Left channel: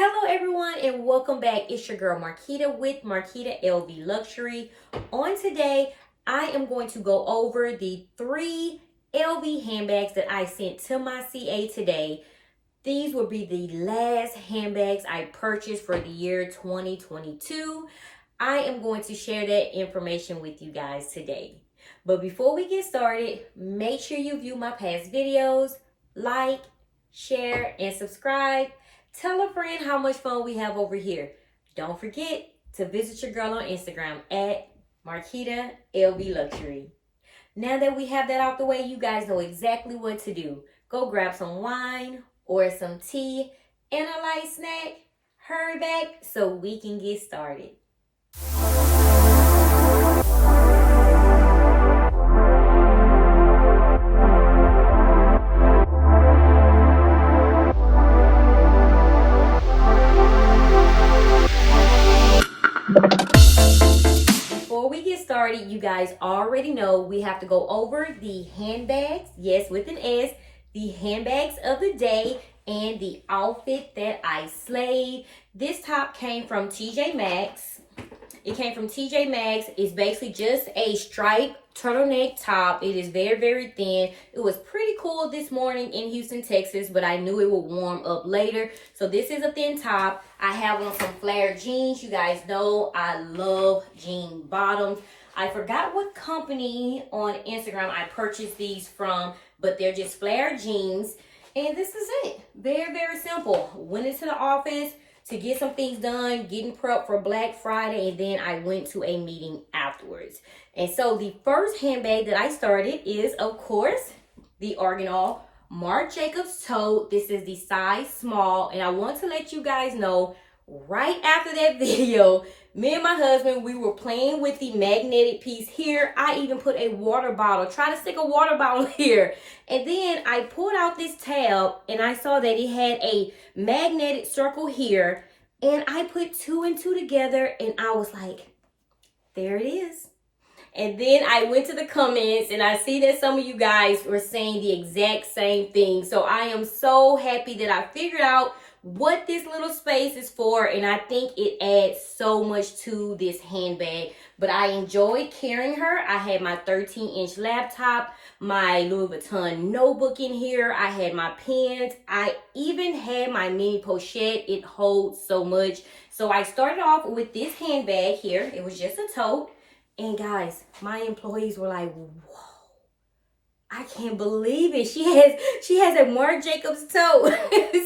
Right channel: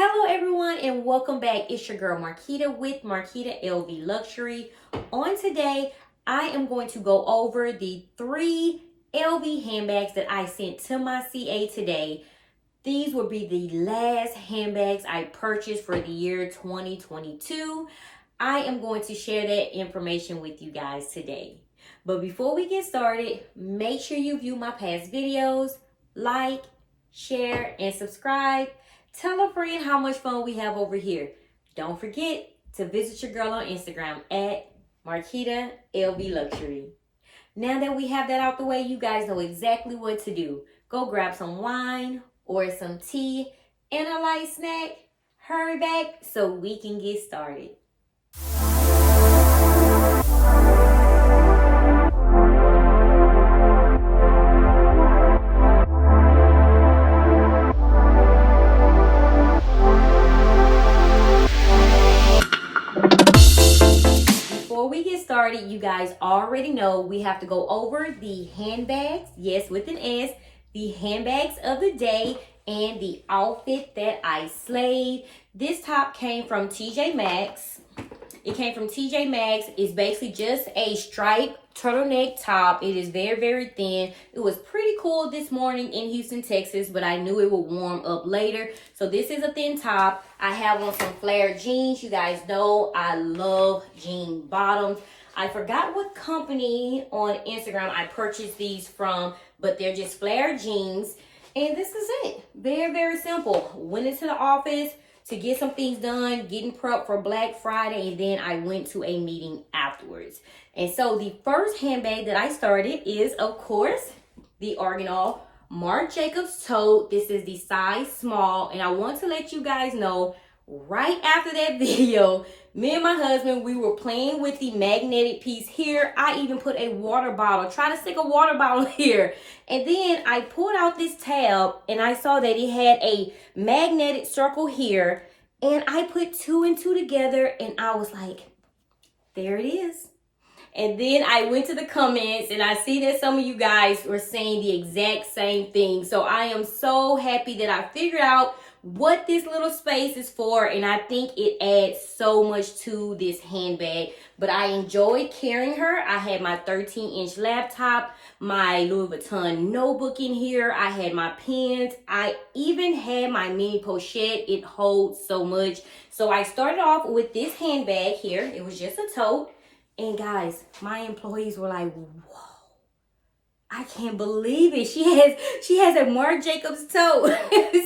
Hello everyone and welcome back. It's your girl Marquita with Marquita LV Luxury. On today, I am going to go over the 3 LV handbags that I sent to my CA today. These will be the last handbags I purchased for the year 2022. I am going to share that information with you guys today. But before we get started, make sure you view my past videos, like, share, and subscribe. Tell a friend how much fun we have over here. Don't forget to visit your girl on Instagram at Marquita LV Luxury. Now that we have that out the way, you guys know exactly what to do. Go grab some wine or some tea and a light snack. Hurry back so we can get started. Before we get started, you guys already know we have to go over the handbags, yes, with an S, the handbags of the day, and the outfit that I slayed. This top came from TJ Maxx. It came from TJ Maxx. It's basically just a striped turtleneck top. It is very, very thin. It was pretty cool this morning in Houston, Texas, but I knew it would warm up later. So this is a thin top. I have on some flared jeans. You guys know I love jean bottoms. I forgot what company on Instagram I purchased these from, but they're just flared jeans. And this is it. Very, very simple. Went into the office to get some things done, getting prepped for Black Friday, and then I went to a meeting afterwards. And so the first handbag that I started is, of course, the Retinol Marc Jacobs tote. This is the size small, and I want to let you guys know, right after that video, me and my husband, we were playing with the magnetic piece here. I even put a water bottle, try to stick a water bottle here. And then I pulled out this tab and I saw that it had a magnetic circle here. And I put 2 and 2 together and I was like, there it is. And then I went to the comments and I see that some of you guys were saying the exact same thing. So I am so happy that I figured out what this little space is for, and I think it adds so much to this handbag. But I enjoyed carrying her. I had my 13-inch laptop, my Louis Vuitton notebook in here. I had my pens. I even had my mini pochette. It holds so much. So I started off with this handbag here. It was just a tote. And guys, my employees were like, whoa, I can't believe it. She has a Marc Jacobs tote.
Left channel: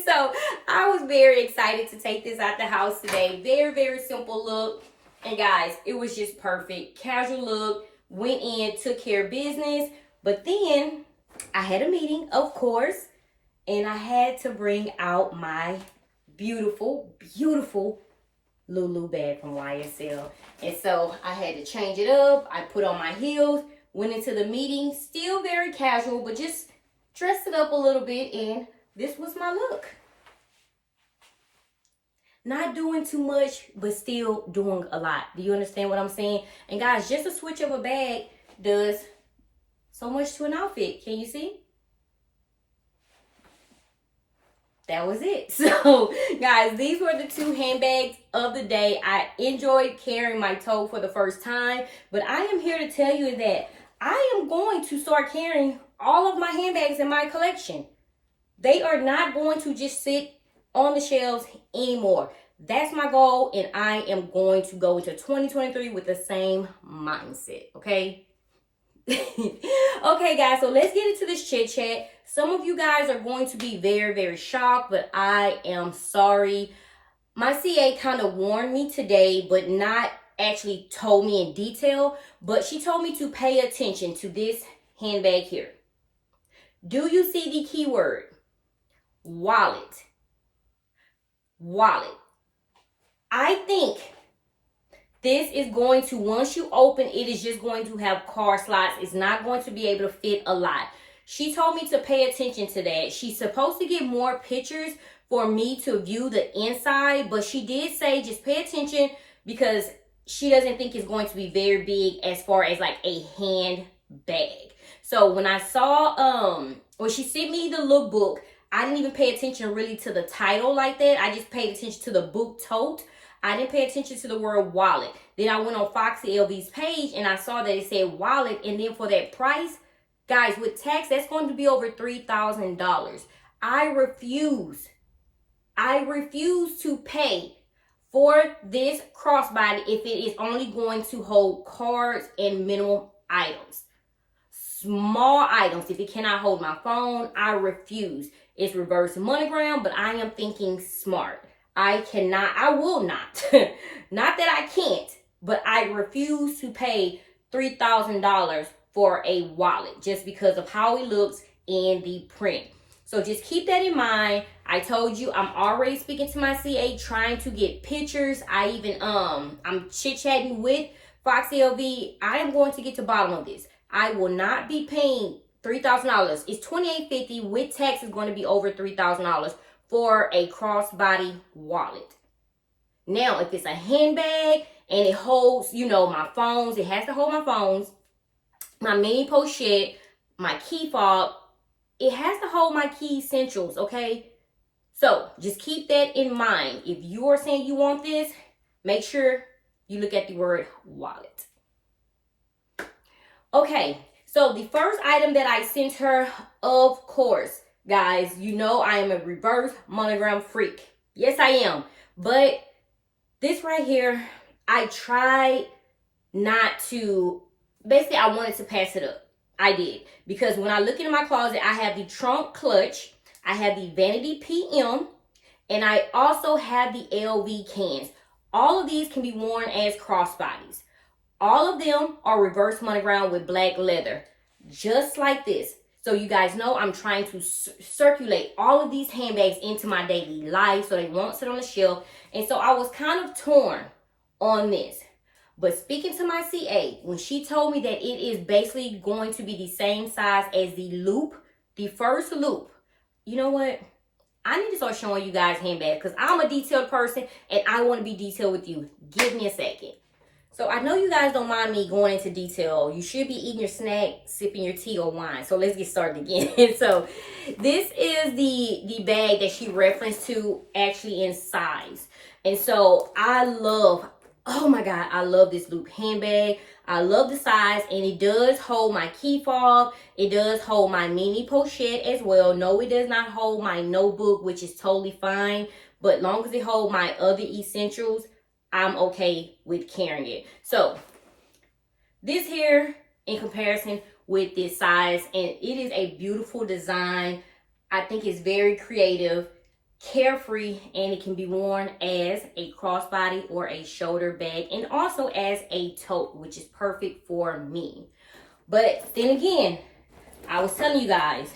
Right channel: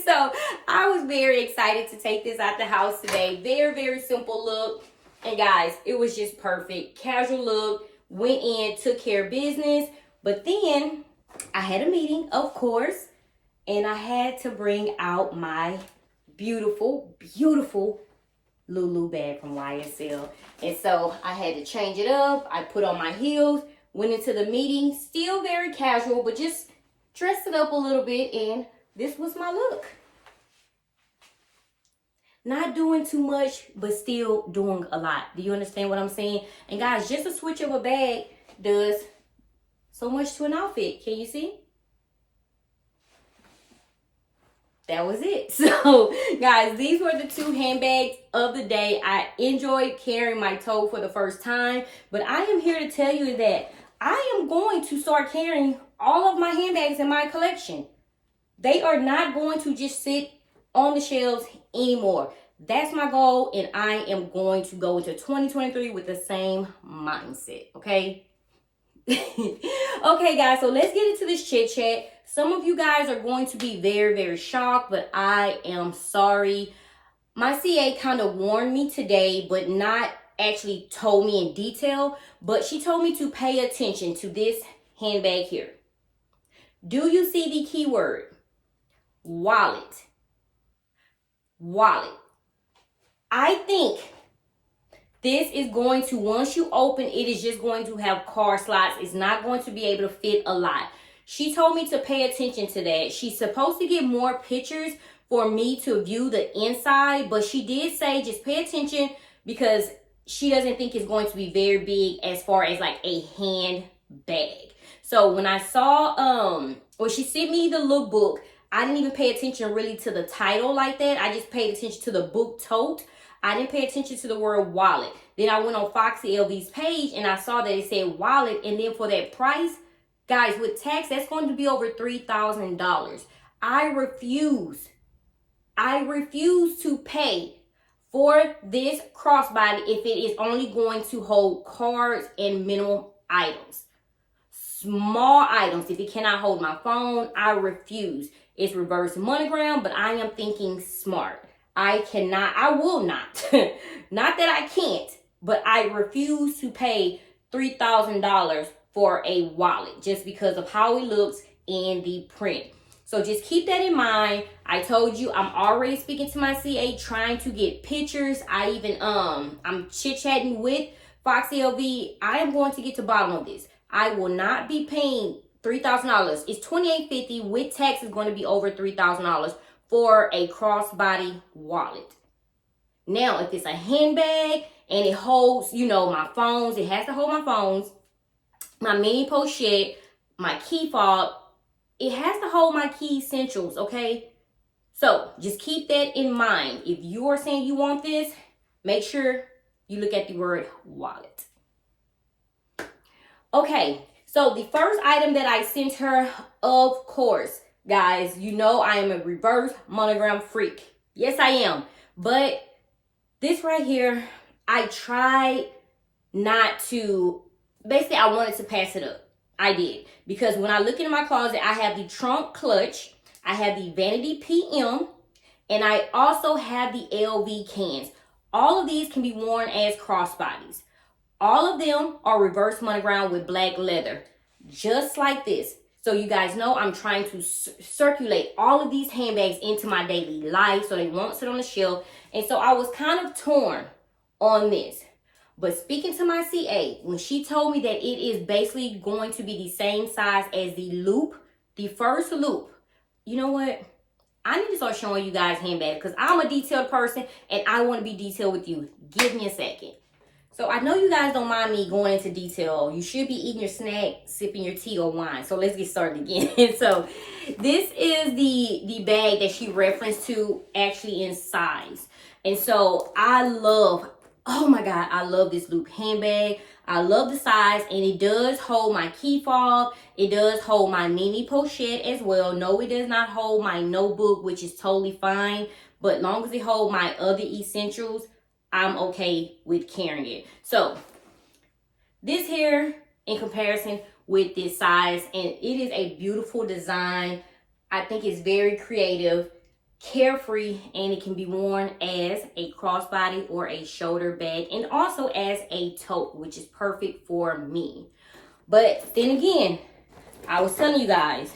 So I was very excited to take this out the house today. Very, very simple look. And guys, it was just perfect. Casual look. Went in, took care of business. But then I had a meeting, of course. And I had to bring out my beautiful, beautiful Lulu bag from YSL. And so I had to change it up. I put on my heels. Went into the meeting, still very casual, but just dressed it up a little bit, and this was my look. Not doing too much, but still doing a lot. Do you understand what I'm saying? And guys, just a switch of a bag does so much to an outfit. Can you see? That was it. So, guys, these were the 2 handbags of the day. I enjoyed carrying my tote for the first time, but I am here to tell you that I am going to start carrying all of my handbags in my collection. They are not going to just sit on the shelves anymore. That's my goal, and I am going to go into 2023 with the same mindset, okay? Okay, guys, so let's get into this chit chat. Some of you guys are going to be very, very shocked, but I am sorry. My CA kind of warned me today, but not actually told me in detail, but she told me to pay attention to this handbag here. Do you see the keyword? Wallet. Wallet. I think this is going to, once you open, it is just going to have card slots. It's not going to be able to fit a lot. She told me to pay attention to that. She's supposed to get more pictures for me to view the inside, but she did say just pay attention because she doesn't think it's going to be very big as far as like a handbag. So when I saw, when she sent me the lookbook, I didn't even pay attention really to the title like that. I just paid attention to the book tote. I didn't pay attention to the word wallet. Then I went on Foxy LV's page and I saw that it said wallet. And then for that price, guys, with tax, that's going to be over $3,000. I refuse to pay for this crossbody if it is only going to hold cards and minimal items. Small items. If it cannot hold my phone, I refuse. It's reverse monogram, but I am thinking smart. I will not. Not that I can't, but I refuse to pay $3,000 for a wallet just because of how it looks in the print. So just keep that in mind. I told you I'm already speaking to my CA, trying to get pictures. I even I'm chit-chatting with Foxy LV. I am going to get to the bottom of this. I will not be paying $3,000. It's $2,850 with tax is going to be over $3,000 for a crossbody wallet. Now, if it's a handbag and it holds, you know, my phones, it has to hold my phones, my mini pochette, my key fob, it has to hold my key essentials, okay? So just keep that in mind. If you are saying you want this, make sure you look at the word wallet. Okay, so the first item that I sent her, of course, guys, you know I am a reverse monogram freak. Yes, I am. But this right here, I tried not to, basically I wanted to pass it up. I did. Because when I look in my closet, I have the trunk clutch, I have the vanity PM, and I also have the LV cans. All of these can be worn as crossbodies. All of them are reverse monogram with black leather, just like this. So you guys know I'm trying to circulate all of these handbags into my daily life so they won't sit on the shelf. And so I was kind of torn on this. But speaking to my CA, when she told me that it is basically going to be the same size as the loop, the first loop, you know what? I need to start showing you guys handbags because I'm a detailed person and I want to be detailed with you. Give me a second. So I know you guys don't mind me going into detail. You should be eating your snack, sipping your tea or wine. So let's get started again. So this is the bag that she referenced to actually in size. And so I love, oh my God, I love this loop handbag. I love the size and it does hold my key fob. It does hold my mini pochette as well. No, it does not hold my notebook, which is totally fine. But long as it holds my other essentials, I'm okay with carrying it. So this here in comparison with this size, and it is a beautiful design. I think it's very creative, carefree, and it can be worn as a crossbody or a shoulder bag and also as a tote, which is perfect for me. But then again, I was telling you guys,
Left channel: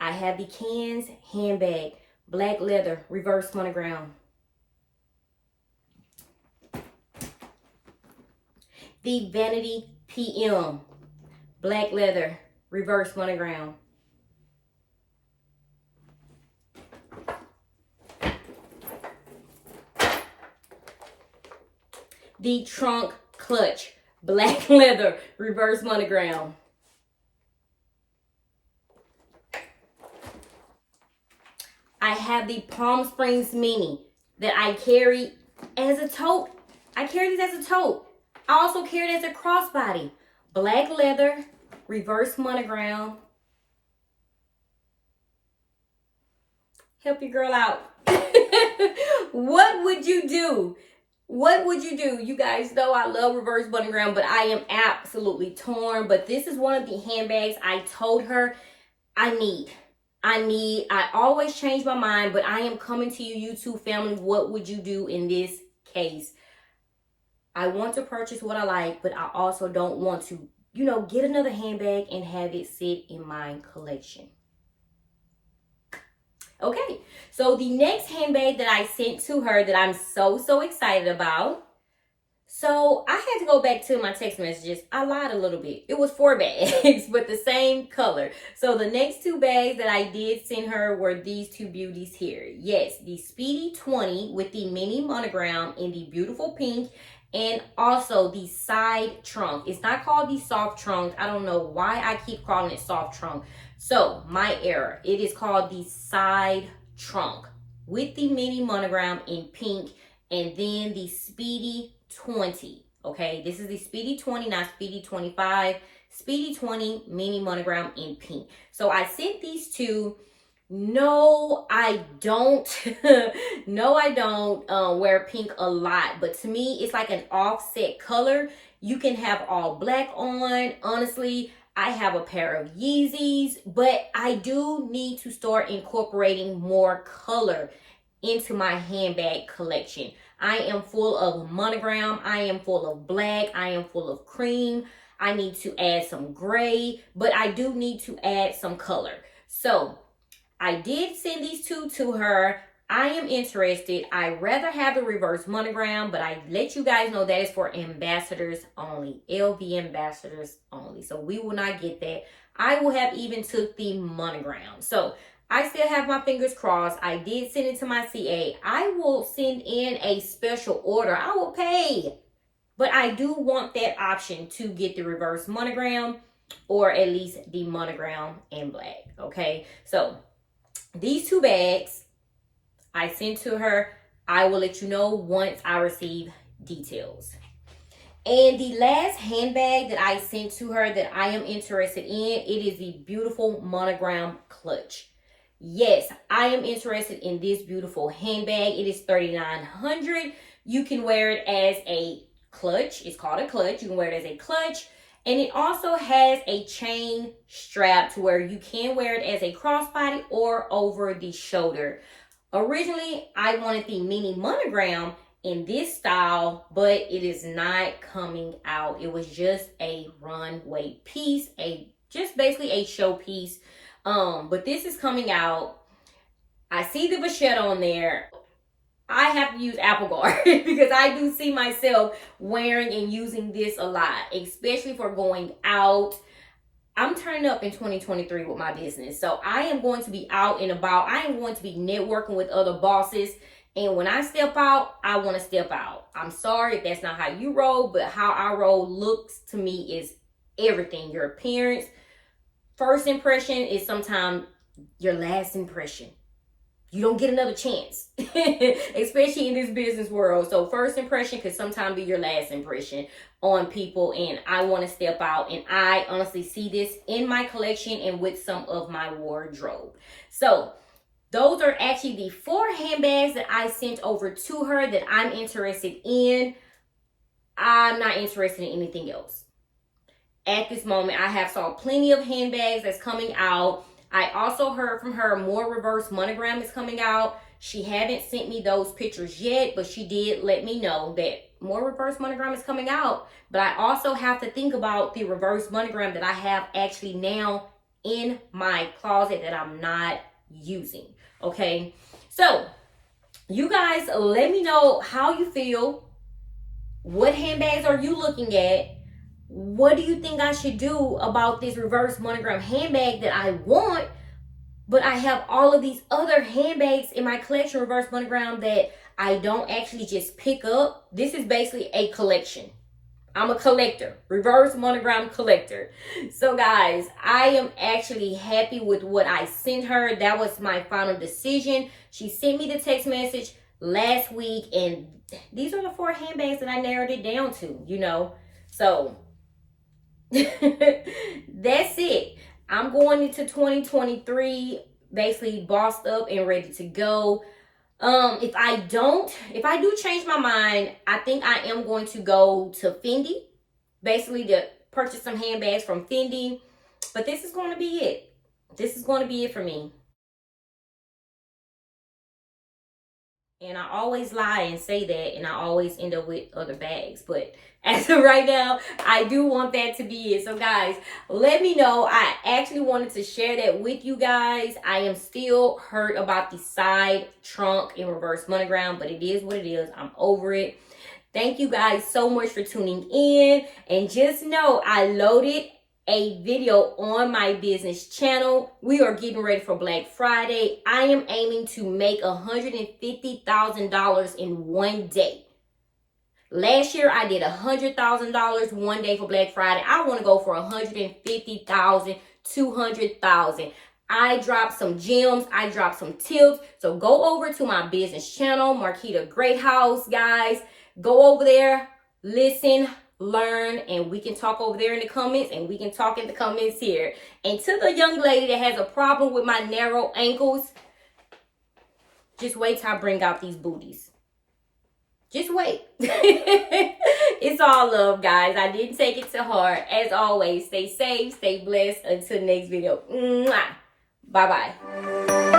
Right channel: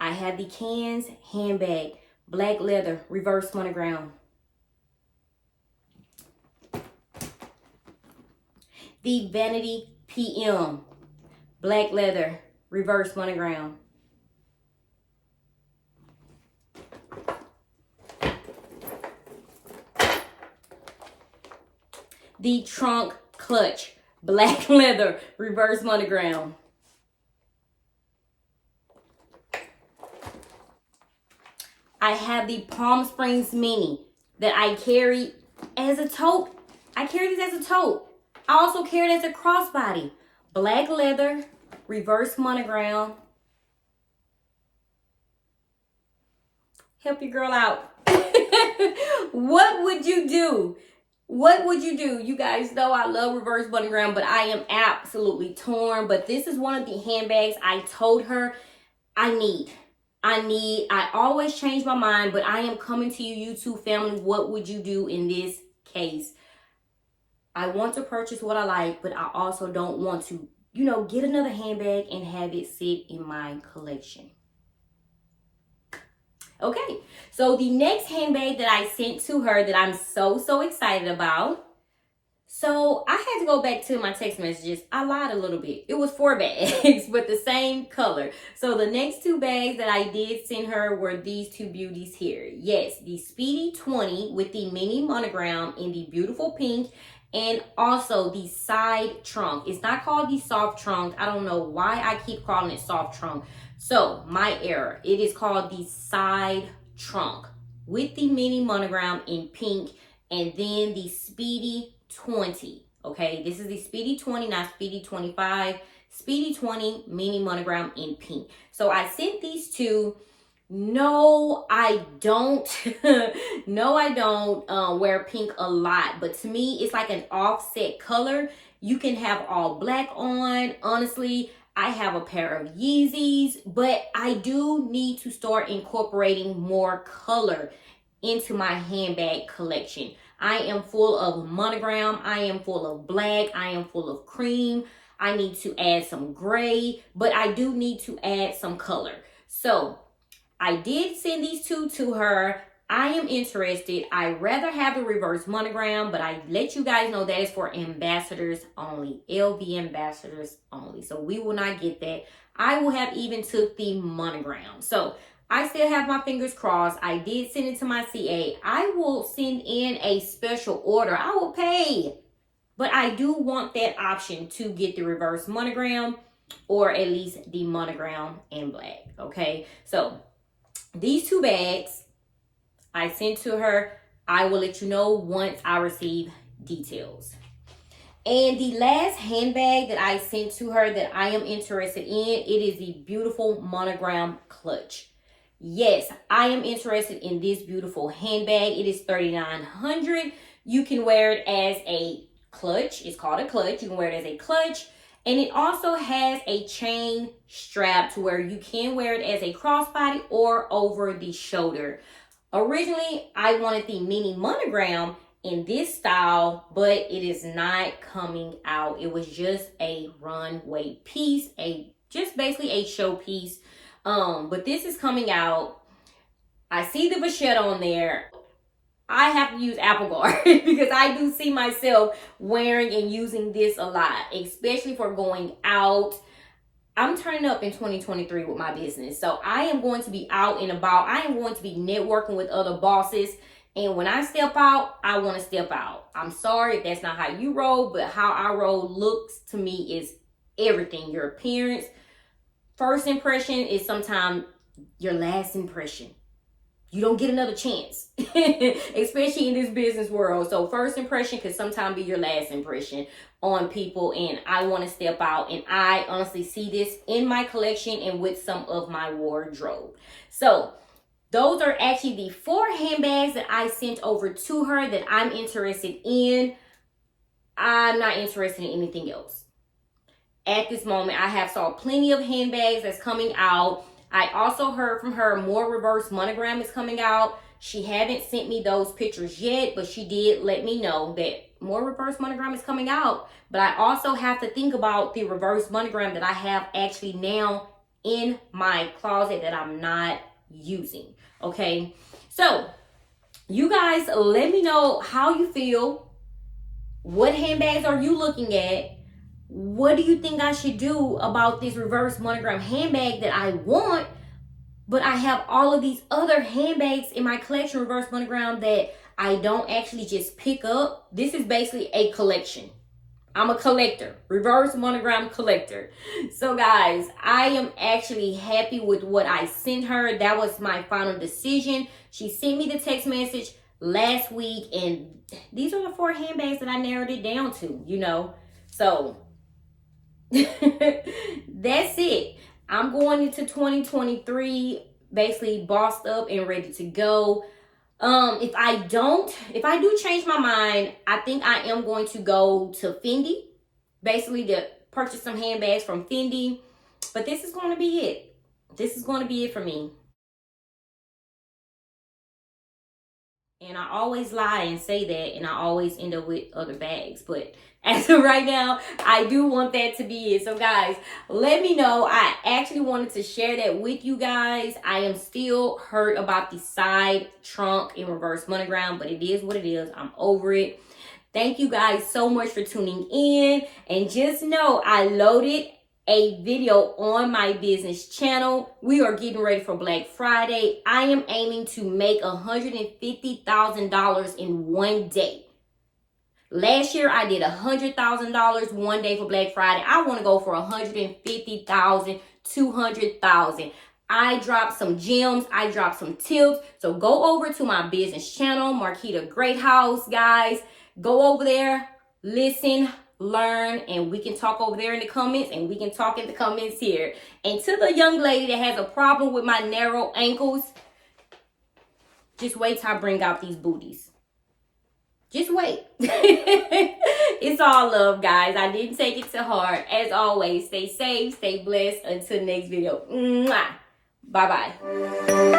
I have the cans handbag, black leather, reverse monogram. The vanity PM, black leather, reverse monogram. The trunk clutch, black leather, reverse monogram. I have the Palm Springs Mini that I carry as a tote. I carry this as a tote. I also carry it as a crossbody. Black leather, reverse monogram. Help your girl out. What would you do? What would you do? You guys know I love reverse monogram, but I am absolutely torn. But this is one of the handbags I told her I need. I always change my mind, but I am coming to you, YouTube family. What would you do in this case? I want to purchase what I like, but I also don't want to, you know, get another handbag and have it sit in my collection. Okay, so the next handbag that I sent to her that I'm so excited about. So I had to go back to my text messages. I lied a little bit. It was 4 bags, but the same color. So the next 2 bags that I did send her were these 2 beauties here. Yes, the Speedy 20 with the mini monogram in the beautiful pink. And also the side trunk. It's not called the soft trunk. I don't know why I keep calling it soft trunk. So my error, it is called the side trunk with the mini monogram in pink, and then the Speedy 20. Okay, this is the Speedy 20, not Speedy 25. Speedy 20 mini monogram in pink. So I sent these two. No, I don't. No, I don't wear pink a lot. But to me, it's like an offset color. You can have all black on. Honestly, I have a pair of Yeezys, but I do need to start incorporating more color into my handbag collection. I am full of monogram. I am full of black. I am full of cream. I need to add some gray, but I do need to add some color. So I did send these two to her. I am interested. I rather have the reverse monogram, but I let you guys know that is for ambassadors only, LV ambassadors only. So we will not get that. I will have even took the monogram. So I still have my fingers crossed. I did send it to my CA. I will send in a special order. I will pay. But I do want that option to get the reverse monogram, or at least the monogram in black. Okay. So these two bags I sent to her. I will let you know once I receive details. And the last handbag that I sent to her that I am interested in, it is the beautiful monogram clutch. Yes, I am interested in this beautiful handbag. It is $3,900. You can wear it as a clutch. It's called a clutch. You can wear it as a clutch. And it also has a chain strap to where you can wear it as a crossbody or over the shoulder. Originally, I wanted the mini monogram in this style, but it is not coming out. It was just a runway piece, just basically a show piece. But this is coming out. I see the vachette on there. I have to use Apple Guard because I do see myself wearing and using this a lot, especially for going out. I'm turning up in 2023 with my business. So I am going to be out and about. I am going to be networking with other bosses. And when I step out, I want to step out. I'm sorry if that's not how you roll, but how I roll looks to me is everything. Your appearance, first impression is sometimes your last impression. You don't get another chance, especially in this business world. So first impression could sometimes be your last impression on people. And I want to step out. And I honestly see this in my collection and with some of my wardrobe. So those are actually the 4 handbags that I sent over to her that I'm interested in. I'm not interested in anything else. At this moment, I have saw plenty of handbags that's coming out. I also heard from her more reverse monogram is coming out. She haven't sent me those pictures yet, but she did let me know that more reverse monogram is coming out. But I also have to think about the reverse monogram that I have actually now in my closet that I'm not using. Okay, so you guys let me know how you feel. What handbags are you looking at? What do you think I should do about this reverse monogram handbag that I want, but I have all of these other handbags in my collection, reverse monogram, that I don't actually just pick up? This is basically a collection. I'm a collector, reverse monogram collector. So guys, I am actually happy with what I sent her. That was my final decision. She sent me the text message last week, and these are the 4 handbags that I narrowed it down to, you know. So that's it. I'm going into 2023 basically bossed up and ready to go. If I do change my mind, I think I am going to go to Fendi, basically to purchase some handbags from Fendi. But this is going to be it. This is going to be it for me. And I always lie and say that, and I always end up with other bags. But as of right now, I do want that to be it. So guys, let me know. I actually wanted to share that with you guys. I am still hurt about the side trunk and reverse monogram, but it is what it is. I'm over it. Thank you guys so much for tuning in. And just know I loaded a video on my business channel. We are getting ready for Black Friday. I am aiming to make $150,000 in one day. Last year I did $100,000 one day for Black Friday. I want to go for $150,000 200,000. I dropped some gems. I dropped some tips. So go over to my business channel, Marquita Greathouse, guys. Go over there, listen, learn, and we can talk over there in the comments, and we can talk in the comments here. And to the young lady that has a problem with my narrow ankles, just wait till I bring out these booties. Just wait. It's all love, guys. I didn't take it to heart. As always, stay safe, stay blessed. Until next video. Mwah. Bye-bye.